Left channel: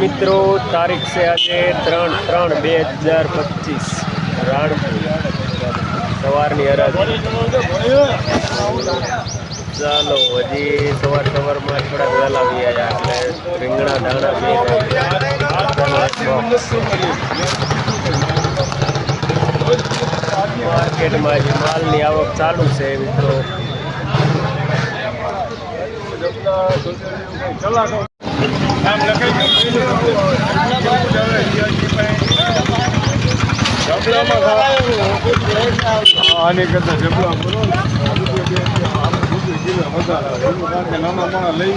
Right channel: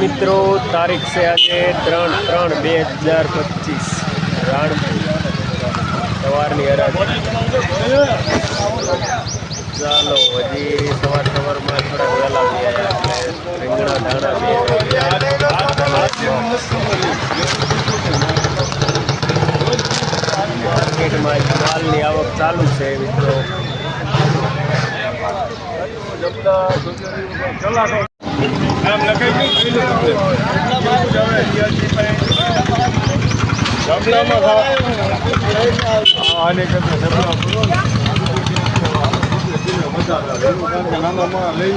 મિત્રો, તારીખ છે આજે ત્રણ ત્રણ બે હજાર પચીસ. રાણપુર. સવારની હરાજી. ચાલો, હજી સવાર સવારમાં થોડાક વહેલા રીંગણા દાણા માર્કેટમાં માલની આવક ચાલુ છે, મિત્રો. આને કરતા જબલા મજા આવે એનું કારણ કે નાના માણસ લઈ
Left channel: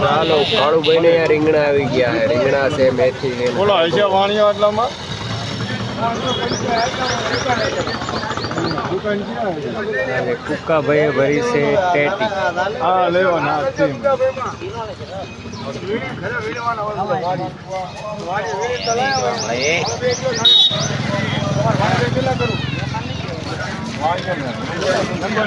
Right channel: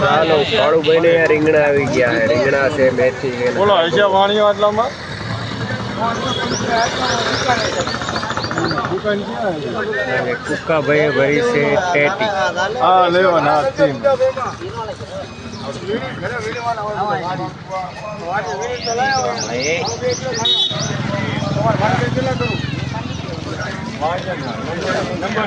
ચાલો કાળુભાઈ ને અહીંયા રીંગણા આવી ગયા છે. રીંગણા છે મેથી છે બોલો હશે વાણીઓ એટલામાં દુકાન ક્યાં? અને કુક્કાભાઈએ ભરી છે ટેટી. હા લેવો ના તીન નંબર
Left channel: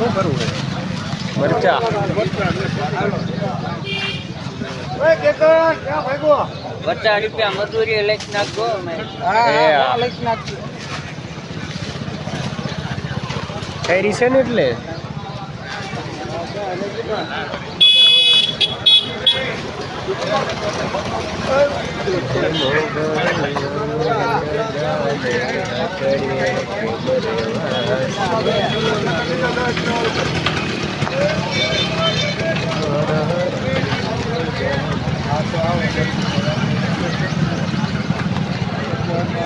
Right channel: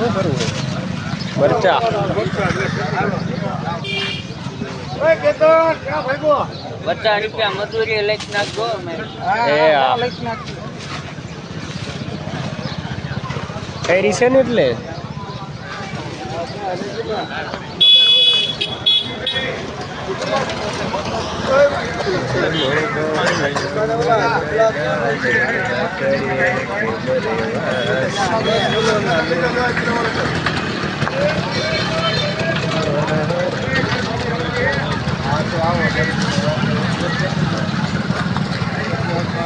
શું કરવું મરચા. ક્યાં ભાગો પચાસ રૂપિયા મજૂરી લઈ નાખો અમે. એ આ. ખૈરી છે ને એટલે?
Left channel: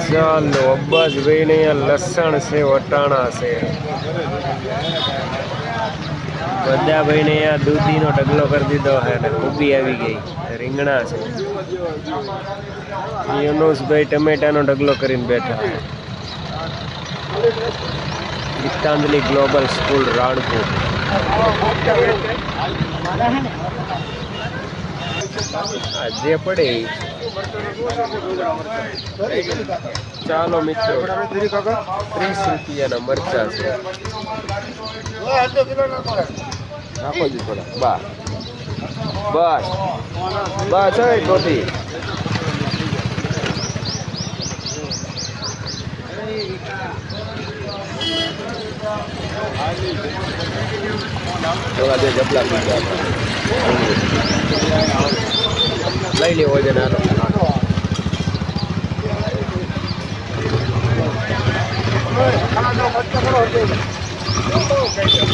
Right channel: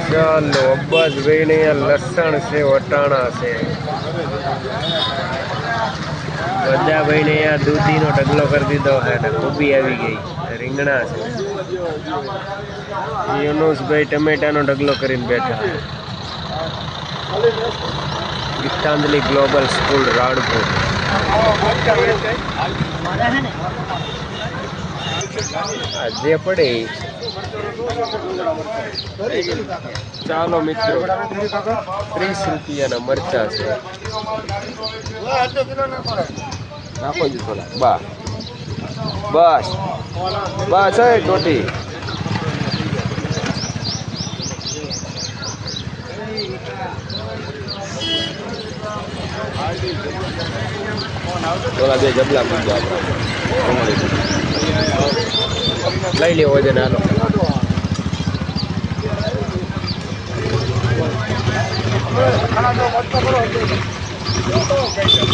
ચાલો અબ્બાસભાઈ ને અહીંયા લસણ છે વટાણા છે. બધાભાઈ ને અહીંયા દૂધીનો ઢગલો કરી દીધો છે અને કોબી આવી ગઈ રીંગણા છે. યુનુસભાઈ ટમેટાનો ઢગલો કરીને બેઠા છે. Gitanjali global school, Ranpur. જે પડે ચાલો મિત્રો, ત્રીસ રૂપિયાના મરચા છે. નાખો જી થોડા. બસ. બસ. બસ એ ટોટી એવા બે જબલા લઈ લેવો છે નાનો આય હા હા એ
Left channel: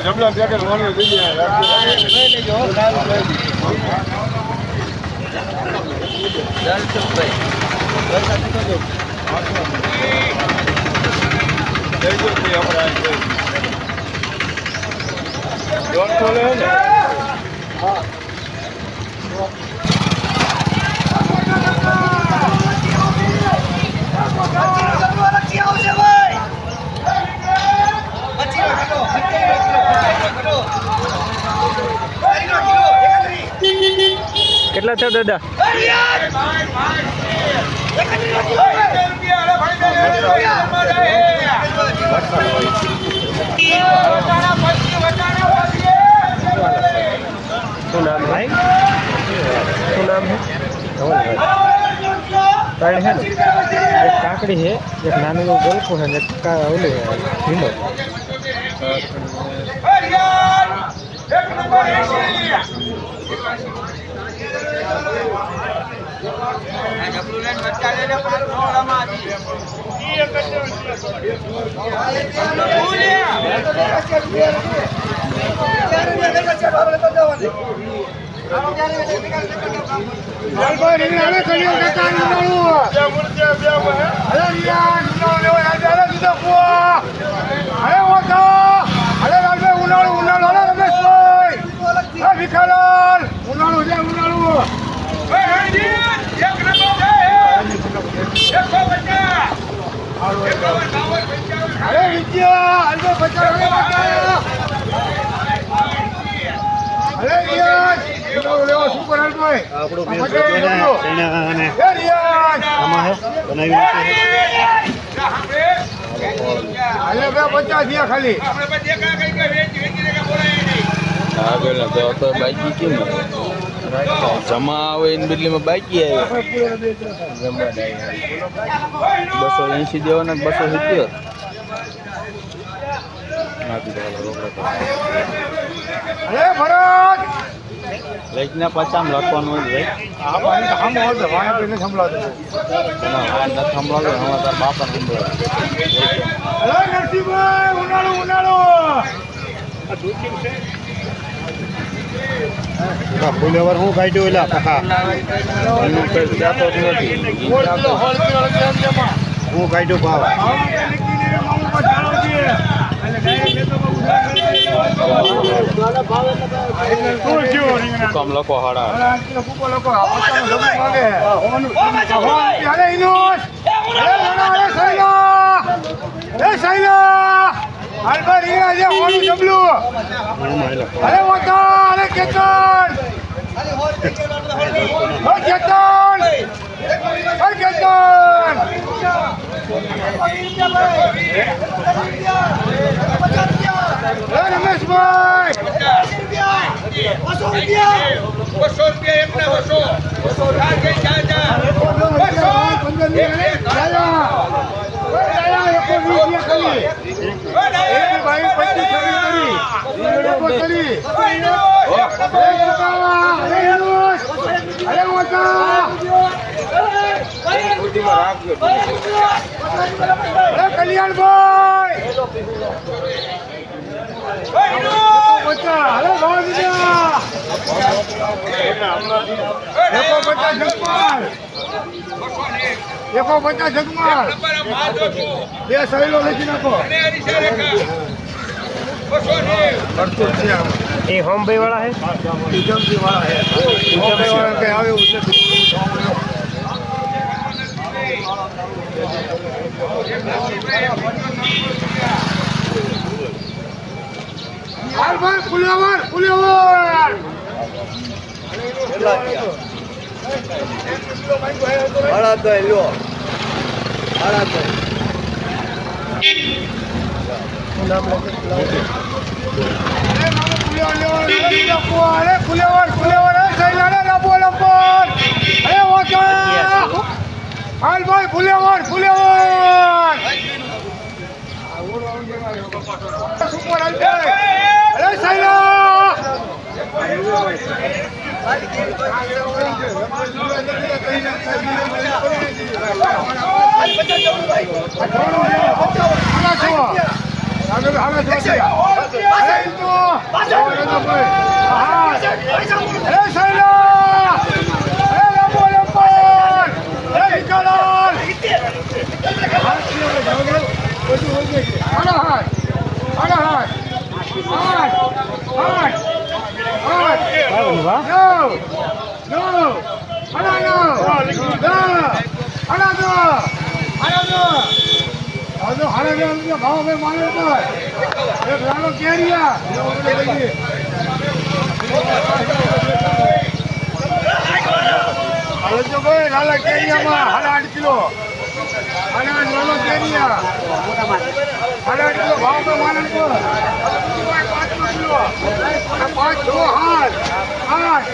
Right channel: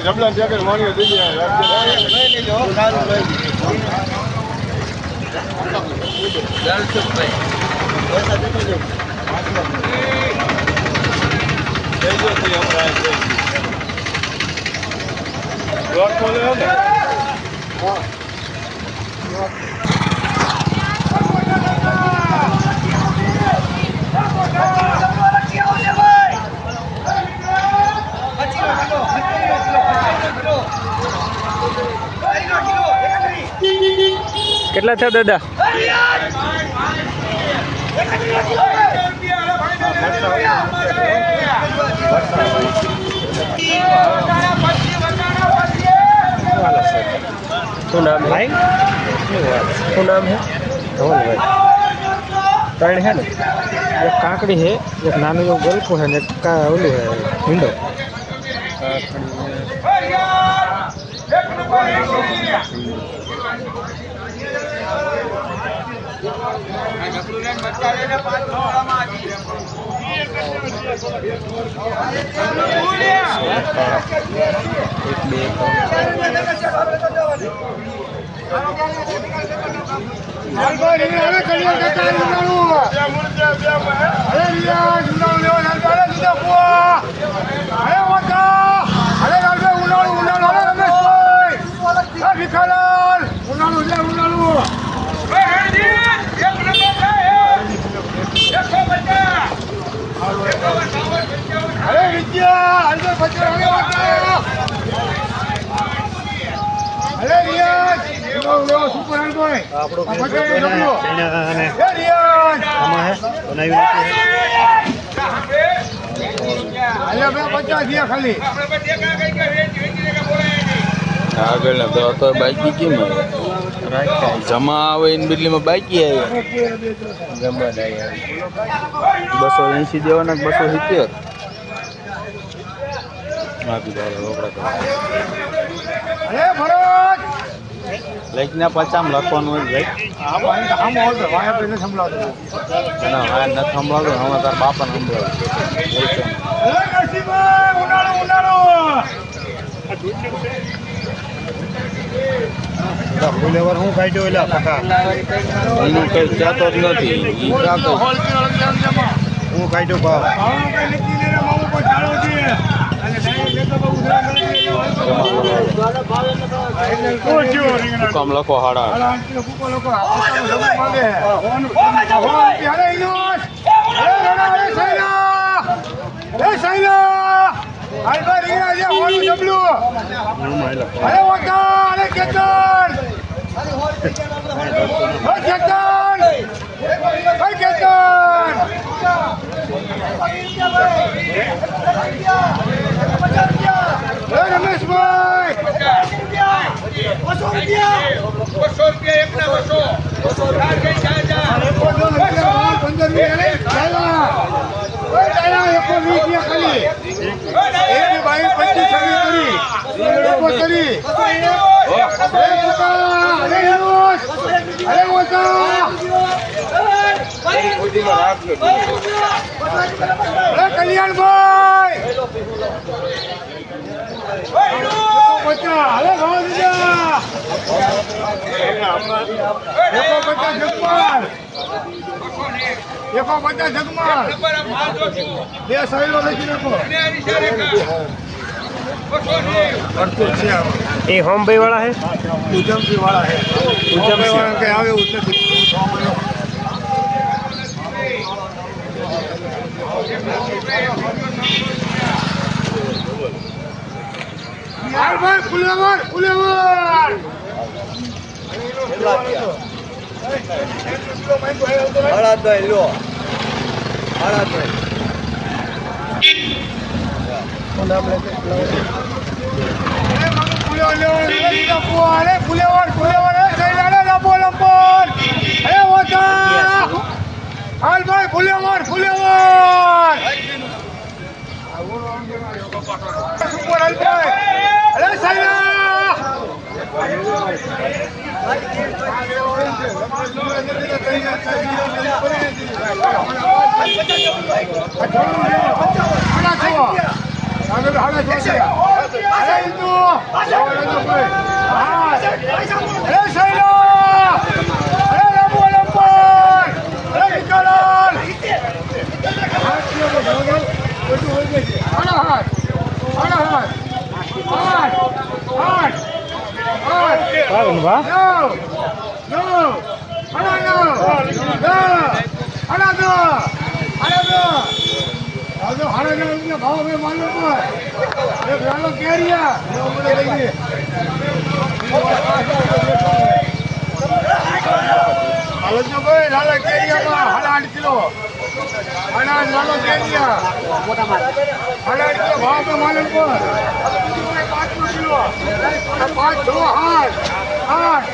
જબલા પેકેટ દઈ જાય રાખજો દોઢસો લે ને કેટલા થયો દાદા શું નામ હે શું નામ હે ત્રણ હે ને એક કાકડી છે એક નાનું એવું ગલકું છે ને એક કા ઓલું છે ભીંડો ભીખાલાલ ઉનાળું છે ઉનાળું અરે વિદ્યા અરે પચાસ અરે રિયાજ ઉનાળું લેવો સુપર હાલભાઈ આ પચાસ ડબલું એ રિયાજ આમાં હે બનાવી હાલે બે પચાસ થયા ખાલી. આગળ તો તો બાકી કેમ જમા આવે એની બદલીમાં બાકી આવે. જમવા દે. બસો એંસી દેવાના કે બસો સિત્તેર? અરે ભરત લાઈકના પાછામ લખવાનું લઈ આ પાણી તો આમ હોય વાયા પેલે સંભળાતું ના વાયા ન સંભળાવે હવે તાર બાપાને સંભળાવે અરે નરસિંહભાઈ ઉનાળો ઉનાળો. ફૂલેવર હું કાઢ્યો એલા કાકા એનું કઈ જાતો જ નથી હું કાઢ્યો ભાવ. ભાવનું કઈ નક્કી નહીં રે પર ચાલો છીએ કમ લખો હાડા લોકો જમવું માંગે. અરે ઇનોસ અરે રમા સૈલા અરે સૈલા હાલ રીંગણા અરે વટા અરે કેતન કેતન અરે રમેશભાઈ એકો પચાસ જગમાલ એકો પચાસ જગમાલ બે સહેલો લખી નાખો. એ હોમભાઈ વાળા હે. વાળા છે ઉજમસી વાળા કે આવે ઉજમસી હાલ ભાઈ ફુલેવર ફુલેવર અરે મામુ ફુલેવર લેવર લઈ નાખો અરે ફુલેવર ફુલેવર સુપર અરે સૈલા હાડા છો હાડા છો થયા અરે ઇન્દુ અરે સૈલા અરે લંબો લંબો અરે વિકલાલ હા કે હવે જાઓ જાઓ બધું હોય છે આનો હાથ આનો હાથ આઠ આઠ નવ દસ આના દસ આના દસ હવે દસ રૂપિયા ભાવ હવે માનવો પડે એક લાલો કેરિયા એવો બધો લઈ જઈએ હાલો જો ભાઈ લાલા કેરિયામાં હાડા આઠ કિલો આઠ લાલો કેરિયા. આઠ કિલો ભાવ પર? હાલો બીજું ભાઈ પાંચ નો કિલો પાંચ છ આઠ આઠ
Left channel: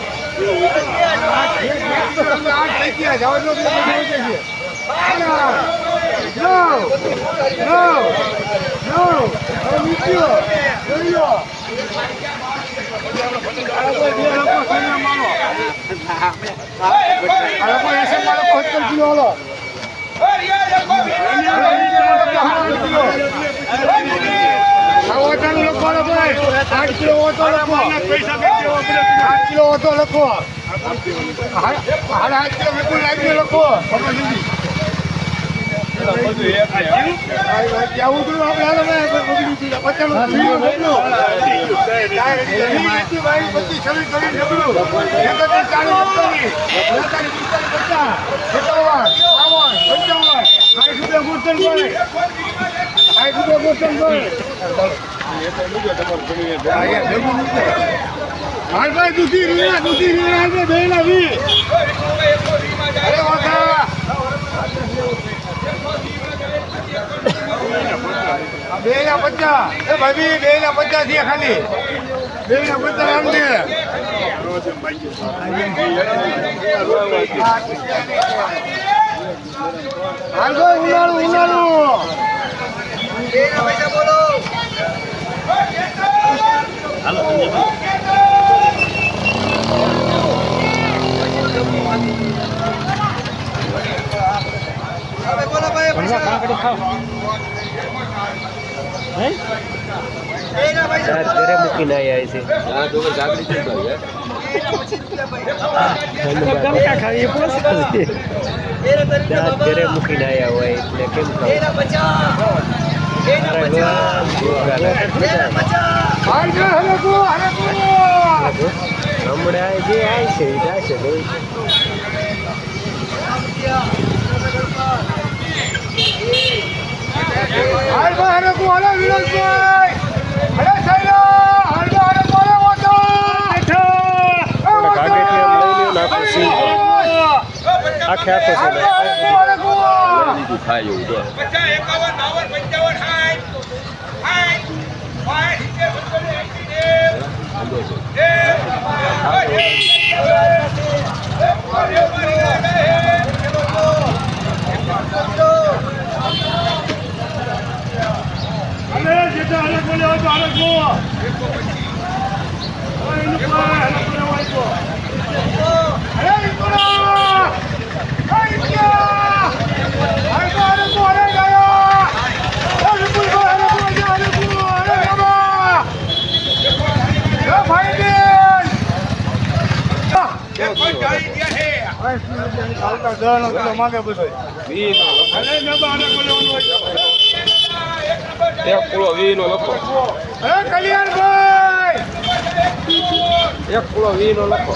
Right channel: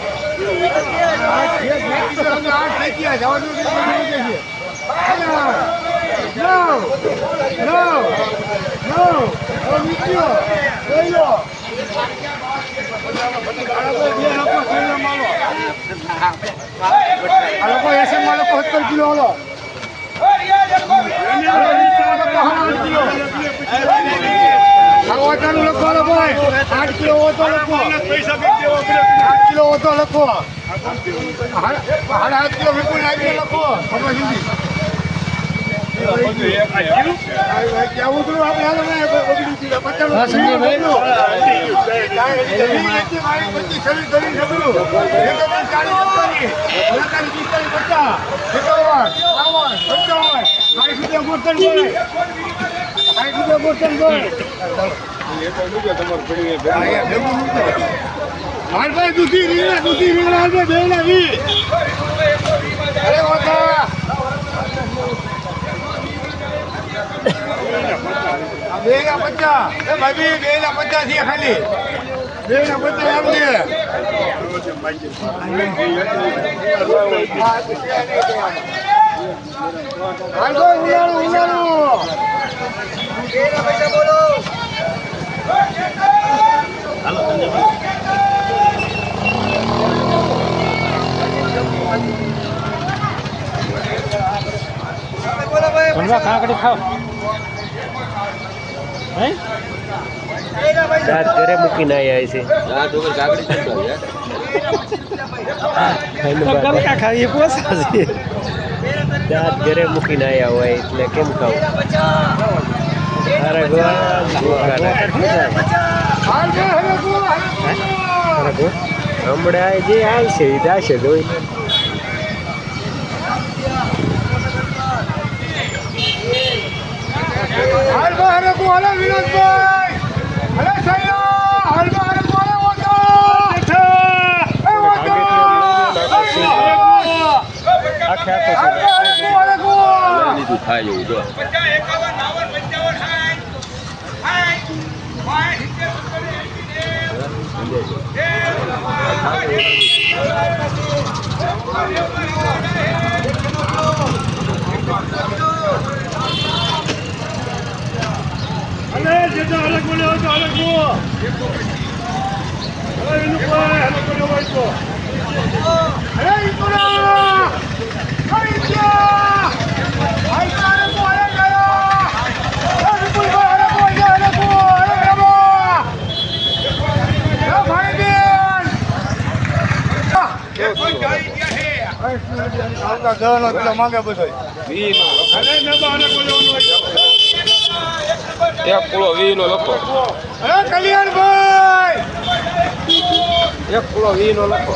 આઠ થઈ ગયા જવા દો એટલે બધું થઈ જશે હાડા નવ નવ નવ નીકળ્યો આ લોકો એસએમમાં લોકો સત્તર કિલો હાલો. ઓછાનું લખો ભાઈ આઠ કિલો ઓછો લખો આઠ કિલો ઓછો લખો હાડા આઠ કિલો વિપુલ નાખી લખો ખબર પંચાવન સાઠ રૂપિયા ગોઠણ ભાઈ સાઠ રૂપિયા ગોઠણ ભાઈ હાલ ભાઈ દૂધી દૂધી હાલ ભાઈ બે ના વી અરે ઓછા આ બે ના પચાસ. એ ભાભી બે ના પચાસ છે ખાલી. બે ના પચાસ એમ દે હાલ ભાઈ. ઉનાળું ઉનાળું દાંત ઘરે મૂકીને આવ્યા છે. ધન્યવાદ. દાંત ઘરે મૂકીને આવ્યા હોય એટલે કેમ ખાવું? હમણાં જે આવે છે એ થશે ભાઈ હલે હલે વિનોદભાઈ. હલે વાતો એ વાતો કો થાય એવું જો એનું કોઈ હલે કો લેવો તો હલે ઇન્દુરા હે ઇન્દિયા હાલ ભાઈ હલે કો હલે ગયો હે વિપુલ ભાઈ હલે કો જા હલે કો હલે રમા હે ભાઈ બેન આવતા દવાનો કિલો માંગે બધો એક કિલો વી નો લખો એક કિલો વીનો લખો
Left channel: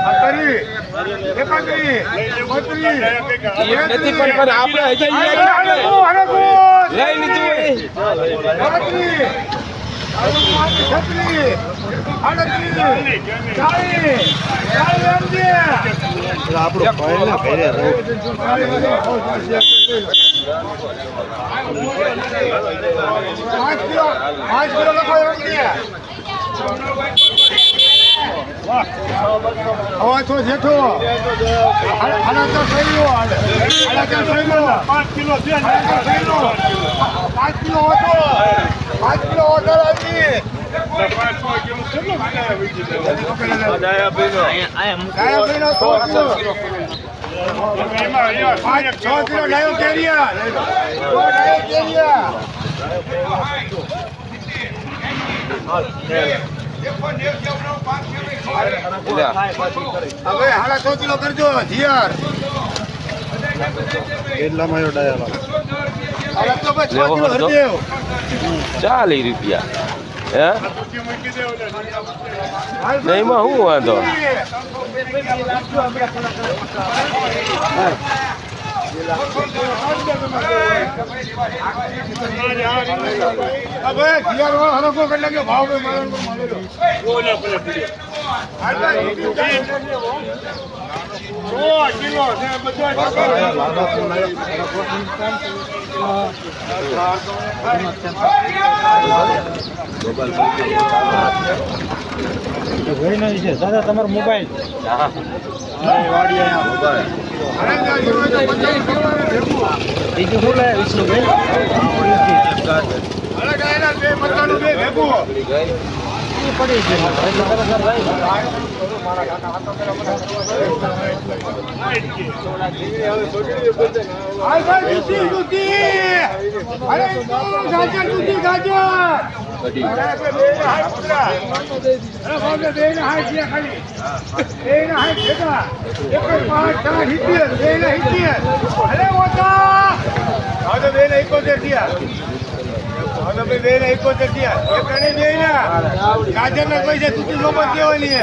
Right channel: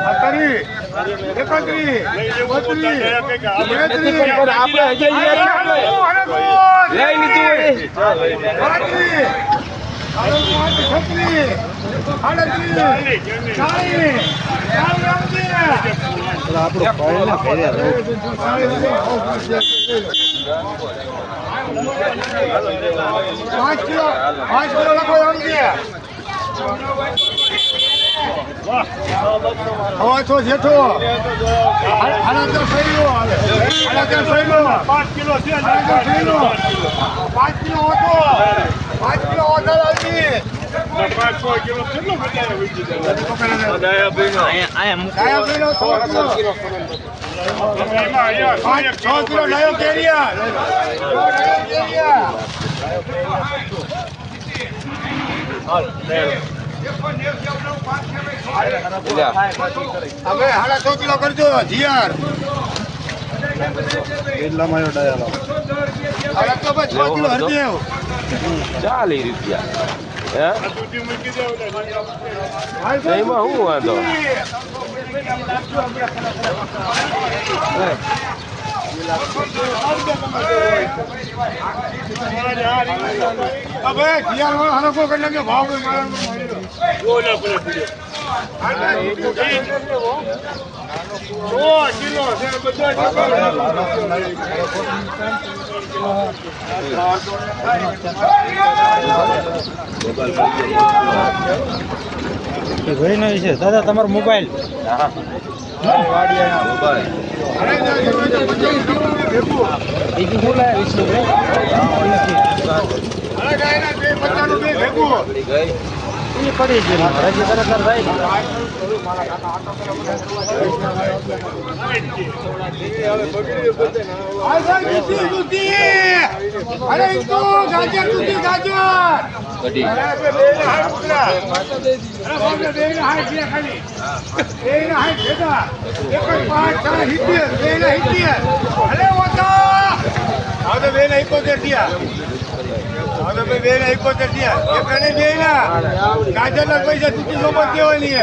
આ આપણે કો, કો, કો. પાંચ કિલો પાંચ કિલો લખો આમજે હવે છો જેઠો સહેલો હાલે આના તો સહેલો પાંચ કિલો સહેલો પાંચ કિલો હતો પાંચ કિલો કિલો પાંચ છ કિલો હવે હાડા સો કિલો કરજો જીયાર હાડા તો ભાઈ છ કિલો હરદેવ ચાલીસ રૂપિયા એમાં શું વાંધો? હવે જીયાર વાળો હરકો કરી નાખ્યો. ભાવ ભાઈ મારા મારેલો કિલો છે બધા દાદા તમારો મોબાઈલ બીજું શું લાયા વિષ્ણુભાઈ ભેગું એ પડી ગયું બેન બરાબર ભાઈ હાલ ભાઈ જુતી જુતી અરે પૈસા તો જુતી ગાજર ગાજર ના પૈસા તું નોબત દેવાની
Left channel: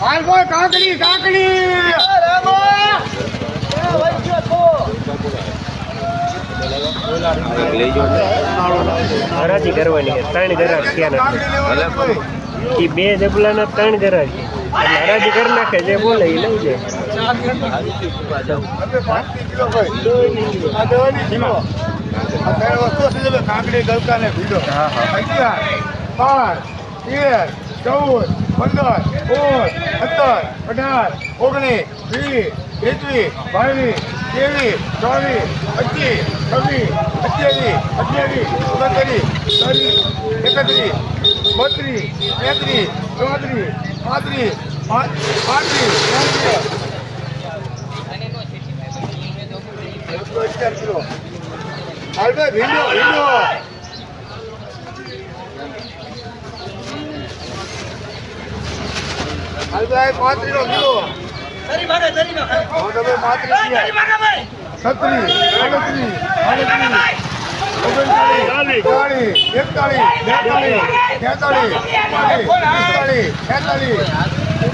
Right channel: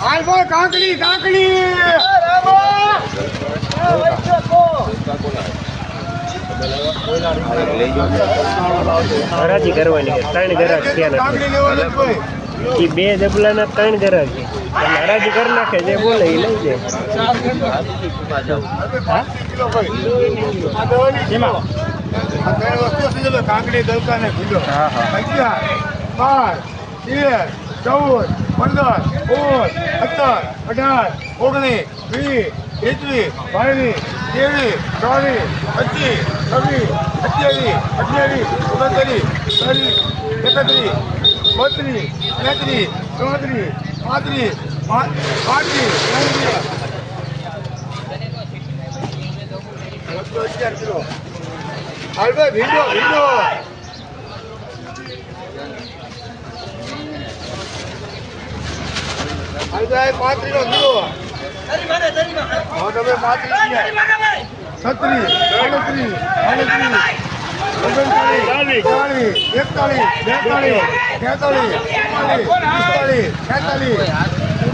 હાલ ભાઈ કાકડી કાકડી! હરાજી કરવાની છે ત્રણ ગ્રાહક થયા કાકડી લેવાના જ ભાઈ નથી એ બે ડબલાના ત્રણ ગ્રાહક છે. એટલે હરાજી કરી નાખે જે બોલે એ લઈ જાય. કાકડી ગલકા ને ભીડો. હા, હા. અગિયાર બાર તેર ચૌદ પંદર, સોળ, સત્તર, અઢાર, ઓગણીસ, વીસ એકવીસ બાવીસ, ત્રેવીસ ચોવીસ પચીસ, છવ્વીસ અઠ્યાવીસ અઠ્યાવીસ, ઓગણત્રીસ ત્રીસ એકત્રીસ, બત્રીસ, તેત્રીસ, ચોત્રીસ, પાંત્રીસ પાંત્રીસ ત્યાંત્રીસ અગિયાર કિલો હાલ ભાઈ ભીંડો ભીંડો પાંત્રીસ નો કિલો. હા તમે પાંત્રીસ છત્રીસ આડત્રીસ આડત્રીસ ઓગણચાળીસ ચાળીસ એકતાળીસ બેતાળીસ તેતાલીસ ચુમ્માલીસ પિસ્તાળીસ છેતાળીસ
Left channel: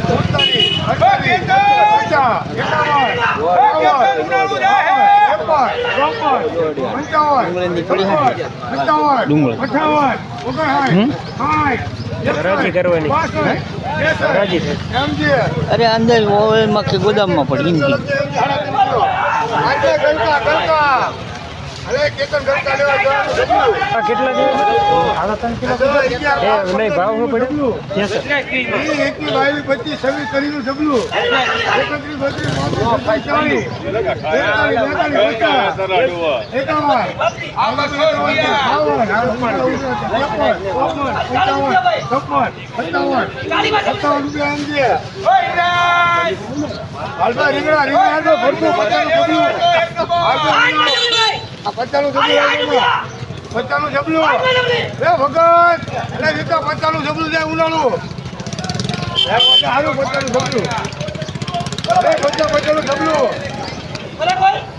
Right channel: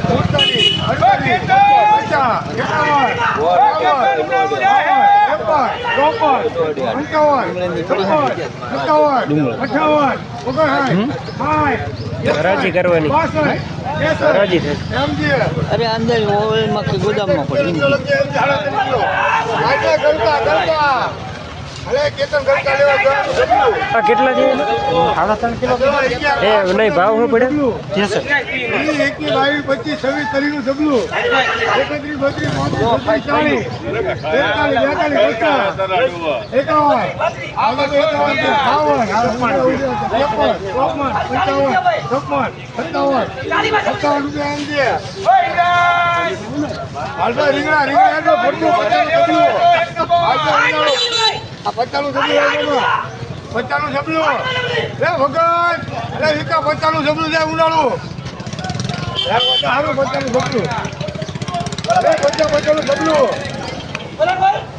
સુડતાલીસ અડતાલીસ પચાસ એકાવન બાવન બાવન ત્રેપન ચોપન પંચાવન છપ્પન પંચાવન અઠાવન ઓગણસાઠ સાઠ કરવાની. બાસઠ અરે અંદર ગોદામમાં પડી આ કેટલા જેવું નહીં ભાવ શું પડ્યો ઈ બાવીસ પચીસ છવ્વીસ તારીખનું જબલું એકત્રીસ બત્રીસ પાંત્રીસ ચાલીસ. બેતાલીસ બેતાલીસ એકાવન. બાવન. ચોપન પંચાવન છપ્પન સત્તાવન. સત્તાવન રૂપિયા એમ છે. હાલભાઈ રીંગણા રીંગણા હાલતો જબલું હાલતો રીંગણાનો. આ પચાસનું જબલું. પચાસનું જબલું લે ભગત, એટલે વિકા પચાસનું જબલું છે, ઉનાળું હારું પચાસનું જબલું અરે પચાસ પચાનું જબલું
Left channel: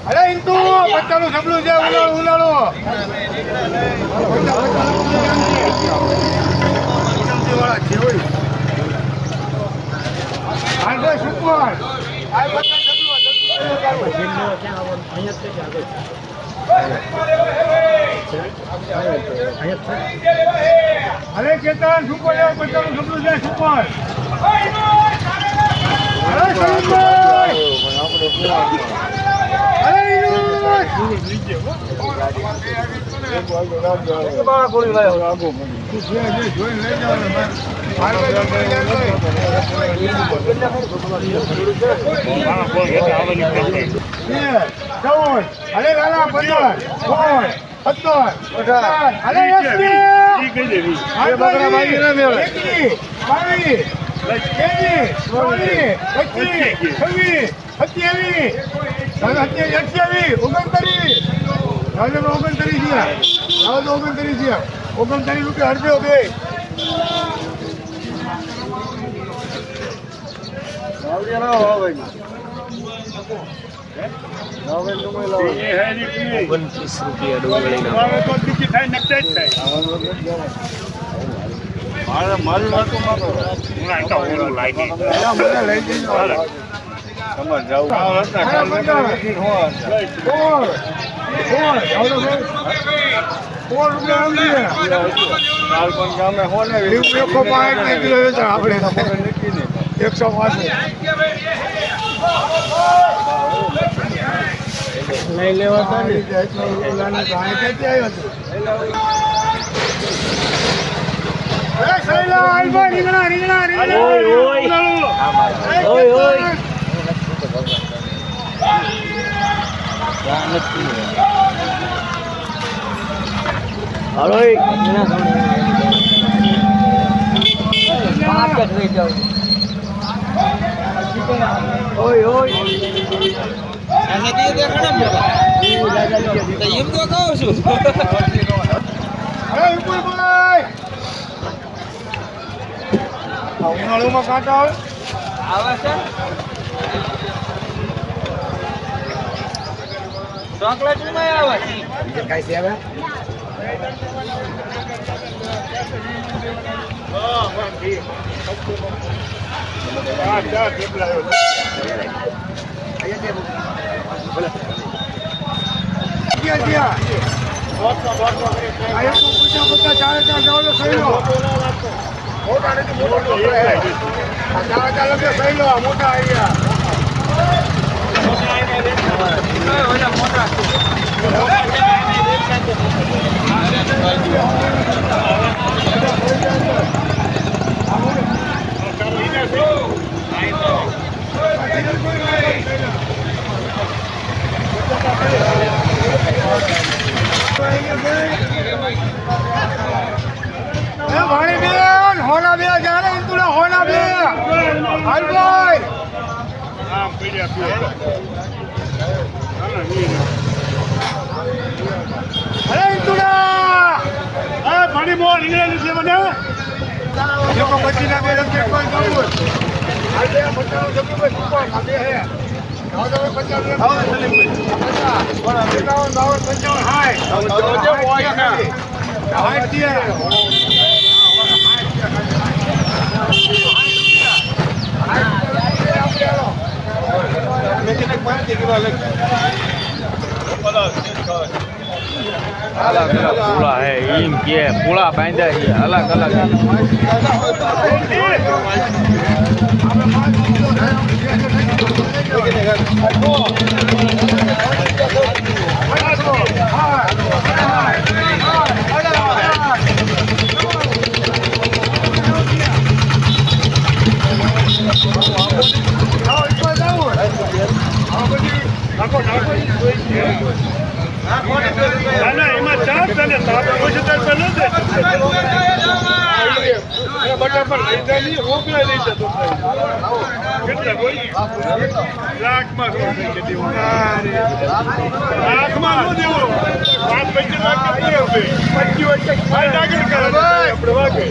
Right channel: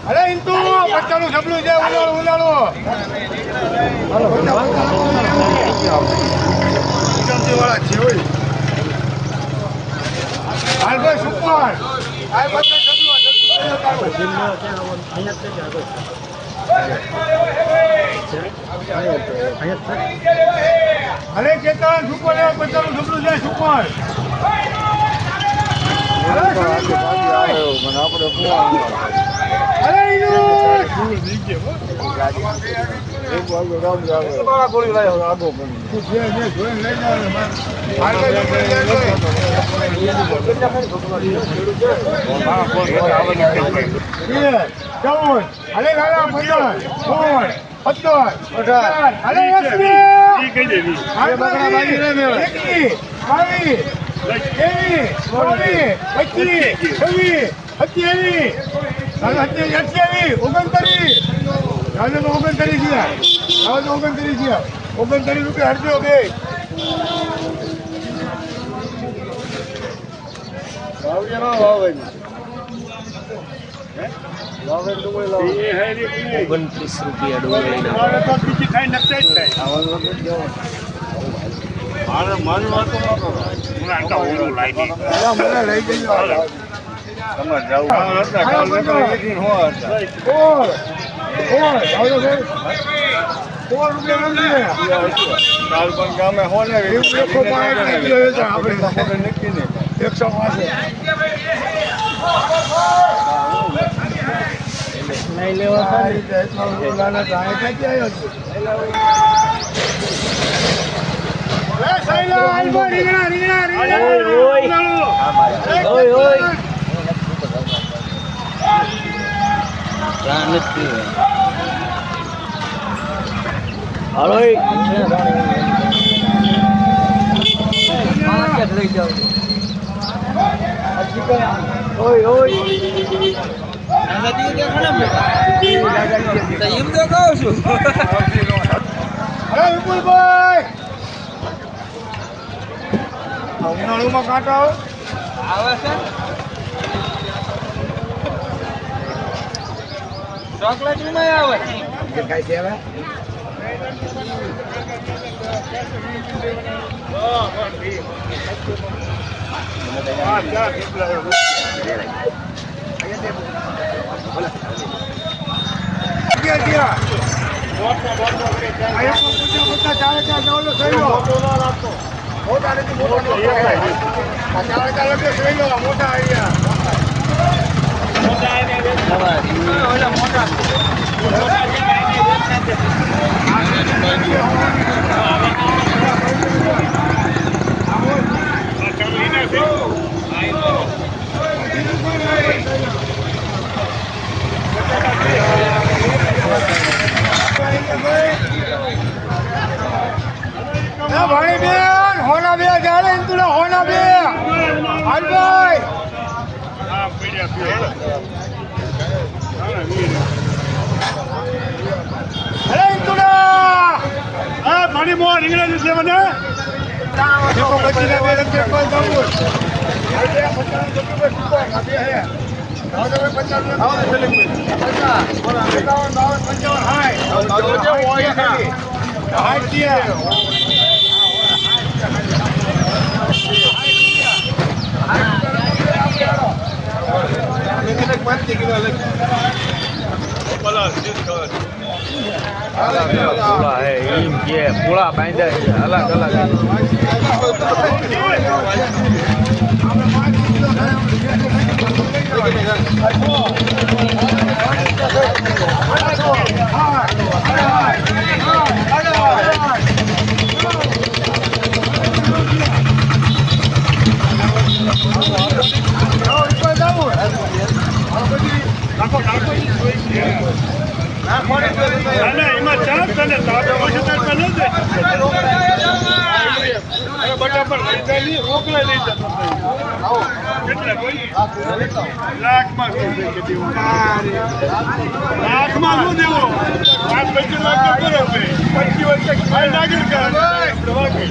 અરે ઇન્ટુ પચાસનું જબલું છે, ઉનાળું ઉનાળું પચાસ પચાસનું જબલું છે. વાળા છે હોય. અરે કેતન સુપર પચાસ જબલું છે સુપર અરે ચૌદ, અરે લાલા પંદર સોળ સત્તર અઢાર અરે એકવીસ અરે બાજી ના મેળવે. બાવીસ ત્રેવીસ ચોવીસ પચીસ છવ્વીસ સત્યાવીસ સત્યાવીસ ઓગણત્રીસ હવે તો ઓગણત્રીસ છે. હવે તો ઓગણત્રીસ છે. ઓગણત્રીસ રૂપિયા હરજો બે. ઓગણત્રીસ રૂપિયા ડુંગળીના. પેલા મને લઈ જજો હાલો, પંદર. ભાઈ, ફોર રૂપિયા નથી એકસો પાંચ ને કિલો વેચા આપણે. એકસો પાંચ લઈ લેવો આ રીતે એટલો લાલા ચાય ક્યાંથી આવ્યો છે? એ સૈલા, આલ્બો, રીંગણા, રીંગણા, રીંગણા. એમ તો છું આ કાંટા આવે. આવે છે ચોકલેટમાં આવે ક્યાં ક્યાં આ ગયા પચાસ ચારે ચાર જાવ તો સહી મોટા નથી. મોટા મોટા ચારે ચાર લગે સહી લો આ મોટા અહીંયા. એ ભાણી બેન હોના બે જાણે ઇન્દુડા હોના બે હાલભાઈ. અરે ઇન્દુડા અરે ભાણી મોર ઇંગ્લેન્ડ છે મને. કોઈ બે પચાસ જબરું બે સુપર આ પૂળા બાંધ્યા અલગ અલગ એમાં ચાર તને તાપ પછી તાર પેલો દે બટા પર લઈ જાય રોકડા લઈ જતો લાખમાં શું છે કે દેવું લાખમાં શું દેવું પાંચ પચીસ લાખ કે કરો પચીસ કરે વાગે